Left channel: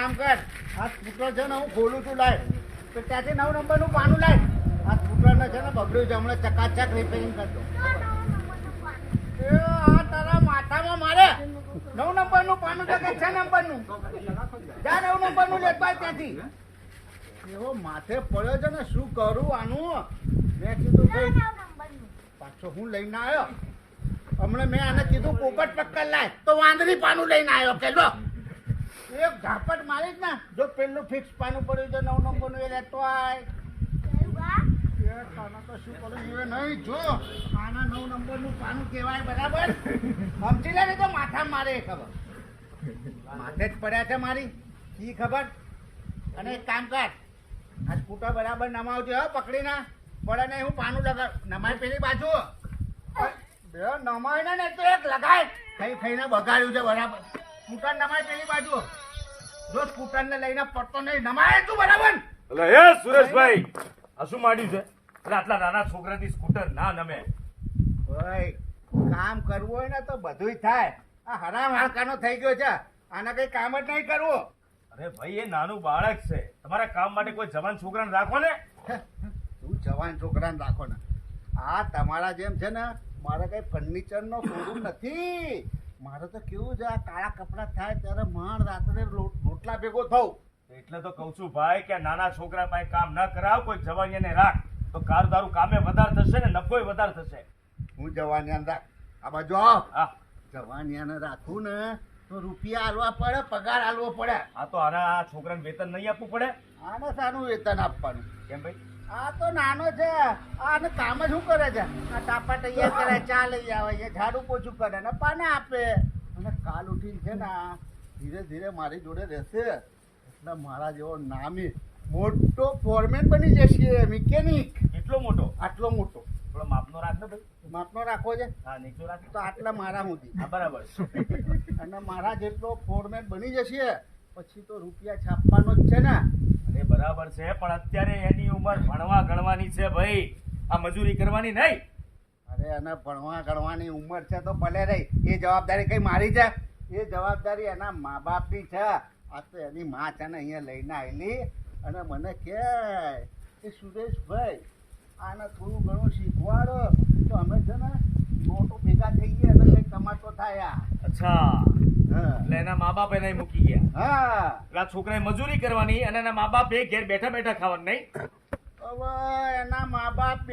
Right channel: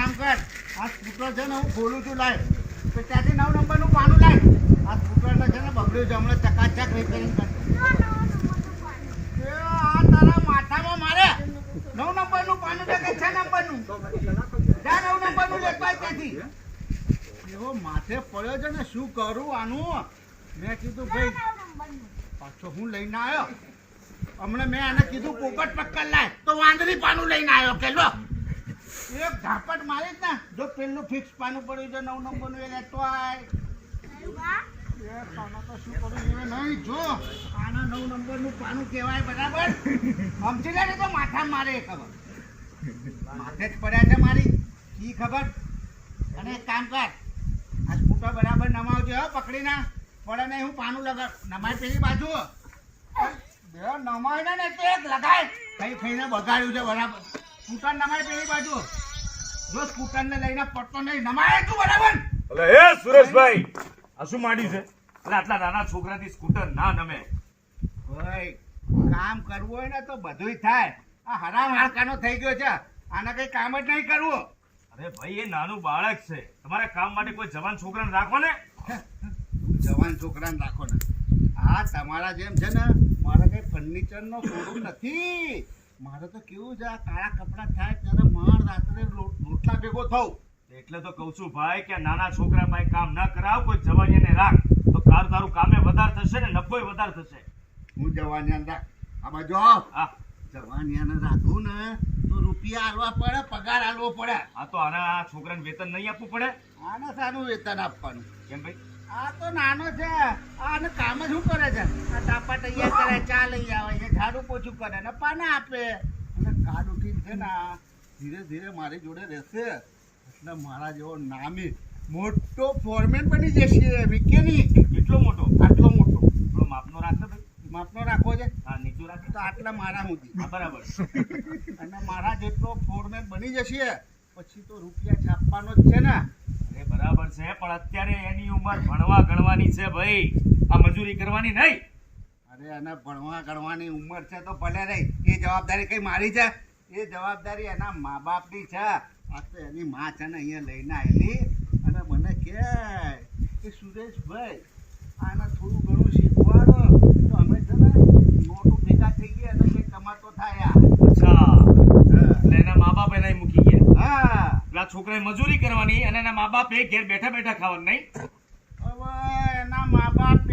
કામ કર, આ સ્કૂટર છે ને હું બોલું છું લાય તો ત્યાંથી 9 નંબરનું પાનું લાય. આ સ્કૂટરને છે ને બગડ્યું છે, હમણાં ચકાચક રિપેરિંગ કરશે. આ તારા માથામાં મારે 9 નંબરનું પાનું છે કે 6 નંબરનું? જા 9 નંબરનું લેતા ત્યાંથી. એવો માથે પડ્યો છે ને, શું કરું આનું? મેં કીધું ભાઈ પાછો હું લઈને આવ્યો. હમણાં મેં આને કીધું પોપટ પક્કર લાય તો વાંદરી પાનું લઈને આવ્યો. પેલો એક ઝાપટ મારી જ ને, જો પેલું ફિક્સ પાનું પડ્યું છે 9 નંબરનું એ લેતો આય. આના તો શું કરું નહીં, જો આના 9 નંબરનું પાનું કહેવાય બરાબર. સમજી લે ને તો માથા મારે ખબર, માથે જ પડ્યા છે મારી કી ખબર. અને એક કામ કર, આ સ્કૂટર બરાબર નમાવજો હો, પકડી ના પડે નહીં. હું પાનું લગાડ નમાય પેલી બાજુ નમાય ને તો એક લગાય કઈ થઈને બગાડ્યું છે બરાબર. સ્કૂટર નમાય પેલી બાજુ, જો સ્કૂટર ને લઈને પડતો નહીં, નમાય તું બરાબર. એટલે એ સુરેશભાઈ આ શું માંડ્યું છે? એટલે આટલા નાના છોકરાથી સ્કૂટર ના નમે. ભાઈ કામ કરવું હોય ને તો બધુંય થાય. આ હરામ હાડકાનો થઈ ગયો છે, આને કઈ કામ જ નહીં કરવું. અરે ભાઈ એ નાનું બાળક છે, તમારા કામ માટે કોઈ જવાન છોકરાને રાખો ને. તું જવાન છોકરાને રાખો ને. આ તમારા જેમ છે ને, મારે કઈ ફર્નિચર નો શોરૂમ નથી. મારે તો કેવું છે, આ કાળા કપડા થાય ત્યારે માણ રાત્રે રોટલા ભેગો થવું. એટલે તો કઉ છું ભાઈ કે આ નાના છોકરા પાસે કામ ન કરાવ, કોઈ જવાનિયાને રાખ તો તારું કામે વધારે થશે ને નફોય વધારે થશે. હું જવાનિયાને રાખ, આ બાજુ આવ. હા જવાનિયાને રાખું ને તો રૂપિયા આલવા પડે, પગાર આલવો પડે. આ તો આના છોકરાને વેતન નહીં આપવું પડે. આને શાનું વેતન આપવાનું? કેમ ભાઈ? આ તો નાનો છે, આને કામ જ શું કરે છે? આ તાપા તૈયાર કરે, ચા લઈ આવે છે, ઝાડુ પોછું કરે ને પાના આપે. અને કાલ ઉઠીને છે ને ધીરે ધીરે મારી જોડે રહેશે એટલે મારા જેવો નામી મોટો ફોરમેન બની જશે, મિકેનિક. કેટલો મોટો? આટલો મોટો. થોડો માપનો રાખતો ભાઈ. માપનો રાખવો છે હા નીચો રાખ તો આટલા મારા સુધી. હા બરાબર. અને મારા જેટલો ફોરમેન બની જશે પછી તો રૂપિયા છાપવાનો જ છે ને. અરે બરાબર છે, પણ અત્યારે એની ઉંમર ભણવા ગણવાની છે ભાઈ, આ મજૂરી કરવાની નહીં. અરે એને ભણવા ગણવાની ઉંમર છે તો ભલે રહી, એ જવાબદારી કઈ મારી છે? એ જવાબદારી એના મા બાપની છે. આ તો એની માં છે ને અહીંયા લઈને આવેલી અને મને કે સુરેશભાઈ આને થોડું ઘણું શીખવાડો તો અમે છે ને નોટો ભેગા થઈ ગયા અને કંઈ કમાતો થાય. અચ્છા, એટલે એના મા બાપ એને મૂકી ગયા. હા, એટલે આ છોકરાએ મજૂરી કરવાની અને એના મા બાપ ઘેર બેઠા બેઠા ખાવાનું નહીં. હવે એના મા બાપ